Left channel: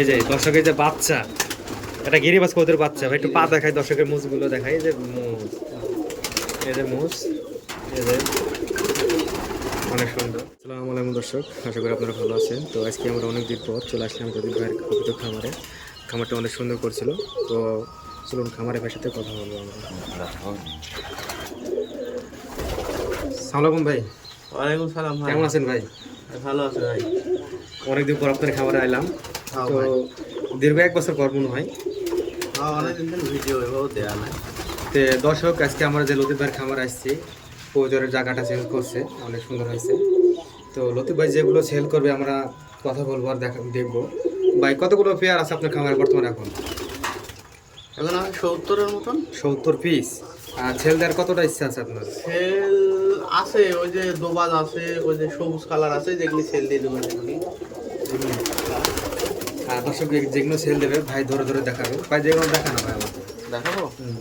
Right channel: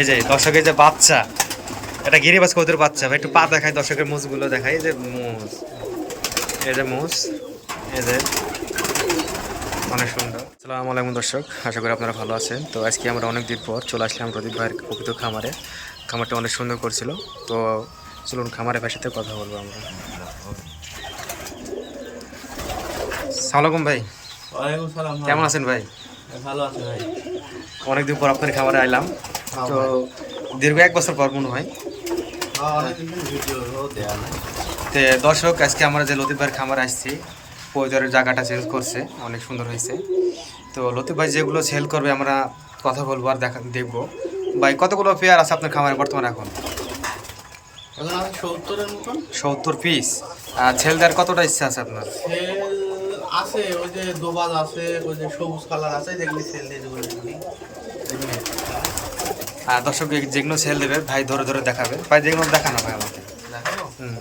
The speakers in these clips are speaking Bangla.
এই যে দর্শকের যে বাচ্চা এটা গিরিবাজ কৌতের বাচ্চা ভাই একটু পা দেখাই দর্শকের মুজগুলো দেখাই এই যে মুজ এই যে মুজ এই যে অনেক সুন্দর। আসসালামু আলাইকুম দর্শক আশা করি আপনারা ভালো আছেন। তো আজকে আমরা অনেক দিন পর চলে আসলাম প্রদীপ ভাইয়ের কপিত খামারে। খামারটা অনেক সুন্দর করছিল তো চলুন খামারের ভাইয়ের সাথে কথা বলব আমরা। সালামালাইকুম ভাই। ওয়ালাইকুম সালাম কেমন আছেন ভাই? ভালো আছে ভাই। অনেকদিন পর আপনার খামারে আইলাম। তো দীর্ঘ এক বছর পর মনে হয়। হ্যাঁ তে দর্শক আজকে আমরা যে লতিফ ভাইয়ের খামার আসছি পরিচরের জায়গাটা চেঞ্জ করছে অনেক সুন্দর হয়েছে। তো লতিফ ভাই যেগুলো সেল করবে আমরা কথা বলব আর দেখা দেখব। ভাই কতগুলো পেয়ার আছে আপনার খামারে বর্তমানে এখন? এখন সত্তরের মতন। সত্তর পিস আর ছেল দেওয়ার কতটা ইচ্ছা আছে আপনার? সেল আছে ওই যে দোবাজ আছে ওই যে সবুজ কালার আছে যেগুলি সেল দিয়ে দেবেন দর্শক যেগুলো সেল দেবে ভাই ধরে ধরে দেখাবে। ভাই যেগুলো দেখানো ভাই আমাকে। দেখাবো? হুম।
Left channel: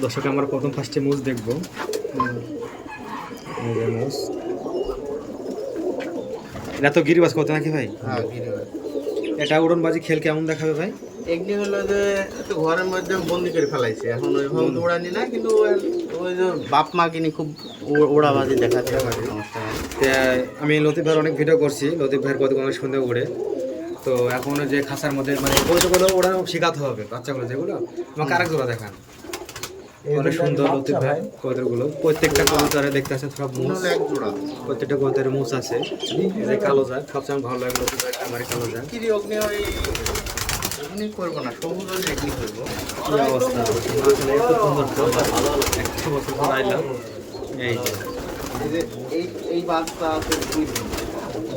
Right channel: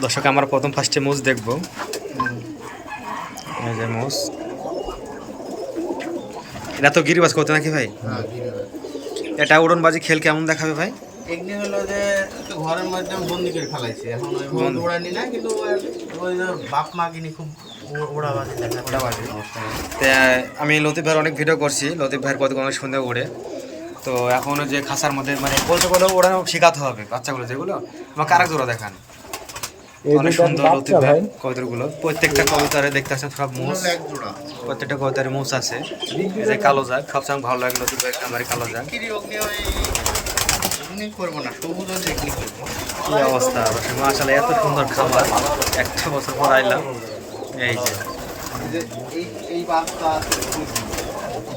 দর্শক আমরা প্রথম ফার্স্টে মুজ দেখব। এই যে মুজ এটা তো গিরিবাজ করতে নাকি ভাই? হ্যাঁ। এটা উড়নবাজি খেল কেমন দেখাবে ভাই? এগুলি হলো যে একটু ঘরের মধ্যে বন্দি করে ফেলাইছে। এখন ওইভাবে। উড়ানি না কিন্তু ওই- যে বাপ মা কিনি খুব উড়াবাজি দেখা উড়াবাজি। সমস্যা আমি লতিফ ভাইয়ের অনেক ভিডিও করছি। লতিফ ভাইয়ের কত অনেক সুন্দর উড়ে তো এখনও যে খাসার মধ্যে মানে কৌতুকগুলো ওড়ানো শেখাতে হবে বাচ্চাগুলো যেগুলো। আমাকে আরেক জোড়া দেখান। অনেক সুন্দর লতিফ ভাই কবুতরগুলো প্রত্যেকটা কবুতরে দেখতে আসেন সব মুস প্রত্যেকটা কবুতরে মুস আছে। এই যে কালো জাগ সবসময় ভালো লাগে লতিফ ভাই আমার কালো জাগ। কিরি অগ্নি ওই অগ্নি করব না সবুজ ওই এগ্নি কি অবস্থা? আসলে এত সুন্দর খামার। একটা বছর পর আইলাম। এই যে। এই এই বাচ্চা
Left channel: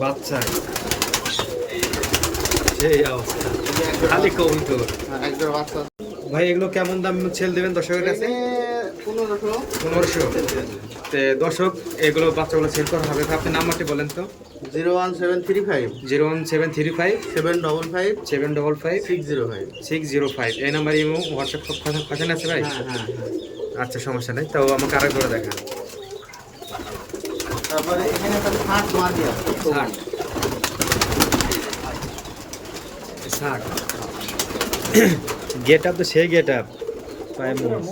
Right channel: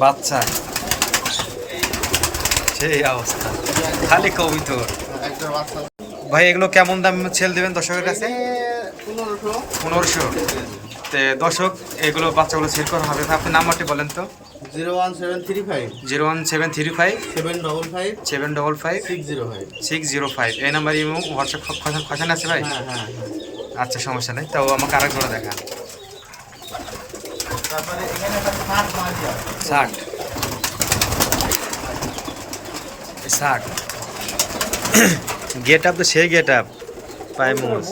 বাচ্চা। সেই অবস্থা। খালি কবিতর। একজন বাচ্চা। ভাই এগুলো কেমন দাম সেল দেবেন দর্শকের কাছে? পনেরোশো। পনেরোশো। তে দর্শক এগুলো বাচ্চাগুলো সেল করা হবে। ভাই আপনার নাম্বারটি বলেন তো। Zero one seven three five. Zero one seven three five. Seven double five. Seven double five. Six zero five. Six zero five. এই নাম্বার ইমো হোয়াটসঅ্যাপ খসান আছে ভাই? হ্যাঁ হ্যাঁ হ্যাঁ। আচ্ছা সমস্যা নেই। তাও আমাকে আরেক জোড়া দেখান। তারপরে এখানে ষাট ষাট। গেট আপ তো সেই গেট আপ পাই মোজ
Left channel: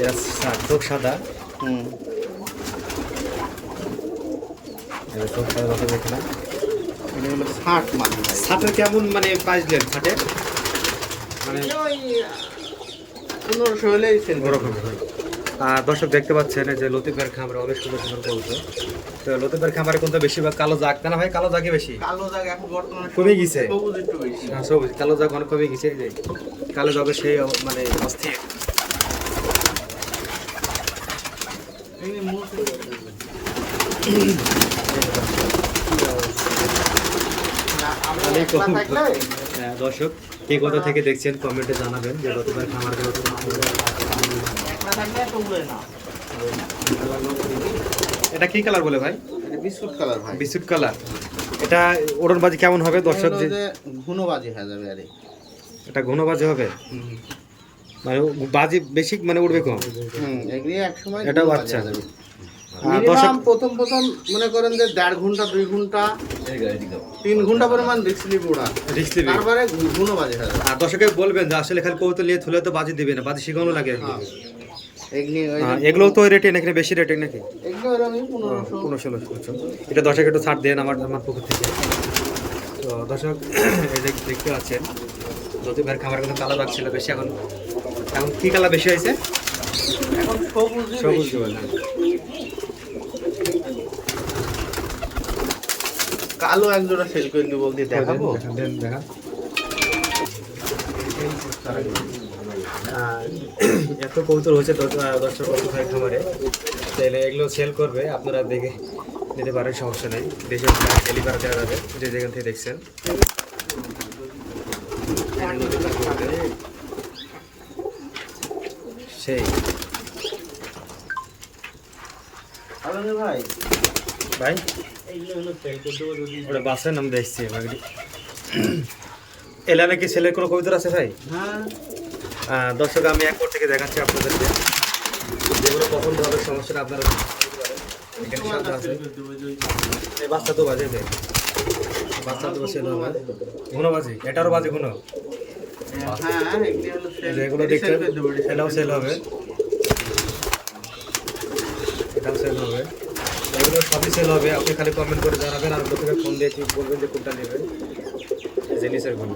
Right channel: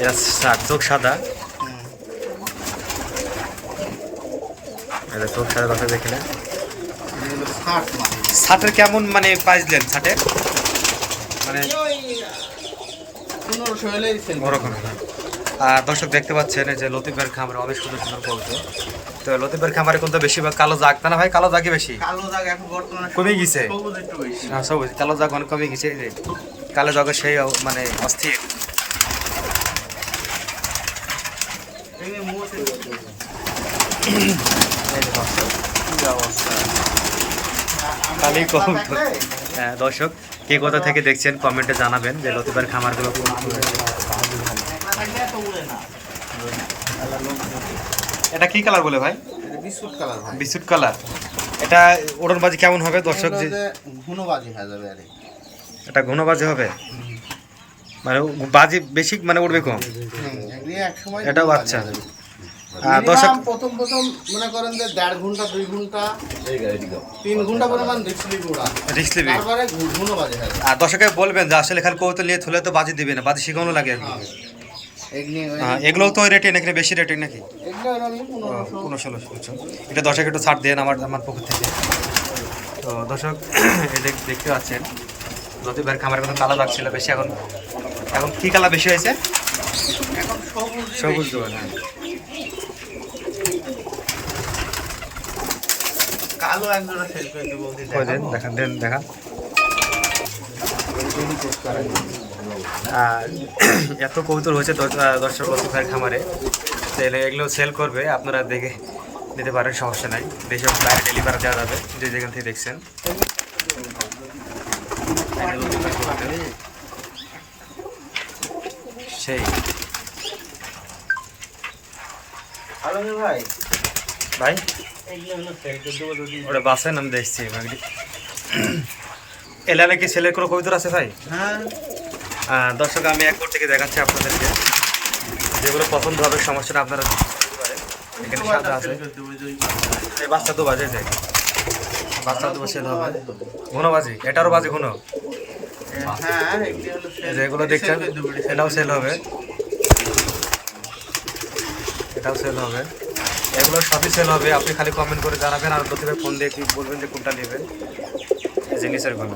এরা চোখ সাদা। এটা চোখ সাদা কথা দেখলেন ষাটের কেমন মানে প্রাইস দিলেন ষাটের মানে পনেরোশো হলেই ওরকম দর্শক দেখতে পাচ্ছেন যে লতিফের খামারে অনেক সুন্দর সুন্দর কবুতর তো লতিফের খামারে কিন্তু বেশিরভাগ কালো জাগ তা না ভাই কালো জাগে বেশি কালো দাগ এখন বর্তমানে কমে গেছে। হ্যাঁ, সবুজ কালো জাগ অনেক কমে গেছে যে কালো জাগের সেই মানে অস্থির এখানে মোষ দর্শক, কি অবস্থা। কবুতর হ্যাঁ দর্শক কে কোথা থেকে দেখছেন কমেন্টে জানাবেন যে লতিফের খামারগুলো। এটা কি কালার বলে ভাই? বিস্কুট কালার ভাই। বিস্কুট কালার এটা ওড়নবাজি কেমন হবে দর্শক যে ঘুনোবাজি হয়ে যাবে আরে এটা ঘনবাজি হবে? মানে বাজি বেশি মানে উঠবে কম? এটাও। আর দর্শক প্রথম প্রথম মনে করেন যে দেড় ঘণ্টা দুই ঘণ্টা তিন ঘণ্টা পরিমাণ দেখছিলি ওরা। রিক্স নেবে তারপরে ঘুনোবাজি যাবে। আর দর্শকে বলবেন যে আসলে খালি কৌতল নিয়ে থুলে তো বাজি দিবে না বাজি শিখানো লাগে এগুলোও তো রেটে নাকি বেশি রেটে নাকি? পনেরো ষোলো। এটা দর্শক একটু ছাড় দেন আমার আমার পুকুর থেকে। তো দর্শক এই যে দেখতে পাচ্ছেন যদি ভাইয়ের খামারের কথা কালো দাগ ছিল বেশি এখন এখন কি কালার বেশি হয়েছে? সবুজ। দেবেন হ্যাঁ। কালো একজোড়া করে দেখান দেন দেখান। এত কৌতূহল হয়েছে দর্শক ভাইয়ের খামারে। তাহলে এগুলো সেল করবে, আপনারা দেখে নিতে পারেন, সমস্যা নাই। দেশে বাইরে ডেলিভারি দেওয়া যাবে, যে যেখান থেকে দেখছেন। সেই। ভাই? ভাই ওটা বাসের নাম দেখছি এলানে কি ছেলের কোনো কবিতর আছে ভাই? হ্যাঁ। দর্শক, আমি একবার থেকে দেখাচ্ছি আপনাদেরকে। যেগুলো পছন্দ হবে, সমস্যাটা আপনারা এখানে সাদা আছে। এই বাচ্চা তো বাজে যায় বাচ্চা তো সেল হবে। ঘন বাজি? এটারও বাজে ঘন? এগুলি হলো এই sell- যে এগুলো দেখছেন, এটাও সেল হবে। এটাও সেল হবে। এগুলো সবই সেল হবে। আপনি খালি কমেন্ট করে জানাবেন, আর প্রথমে ফোন দিয়ে বলবেন যে কোনটা নেবেন। যে ঘন।